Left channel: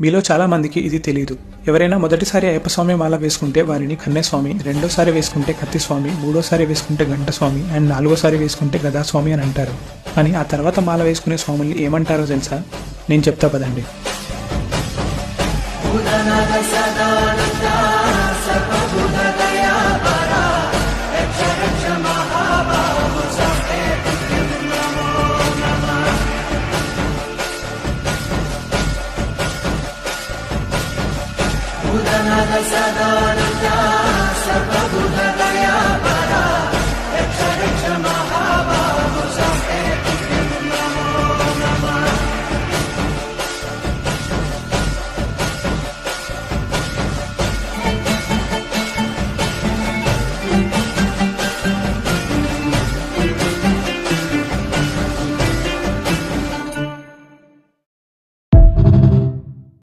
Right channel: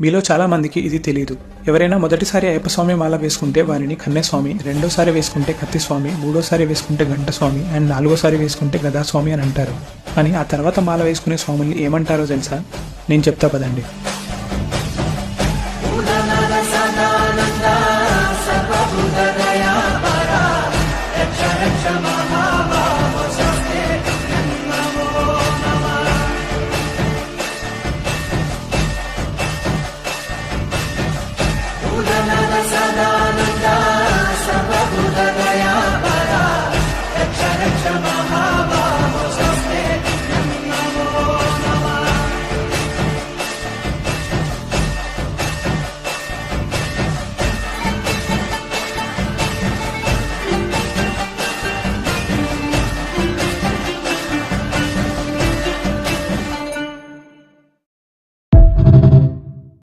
మీలో చాలా మందికి ఇది తెలియదు. ఎవరైనా మొదటిసారి అయ్యప్ప స్వామి మాల వేసుకుంటే వారిని కన్నెస్వామి, రెండోసారి వేసుకుంటే కత్తిస్వామి, మూడోసారి వేసుకుంటే గంటస్వామి అండ్ నాలుగోసారి వేసుకుంటే గదాస్వామి అని అంటారు. కానీ ఆ తర్వాత మాల వేసుకునే స్వాముల్ని ఏమంటారో తెలుసా? నేను చెప్తా పదండి. Sadalu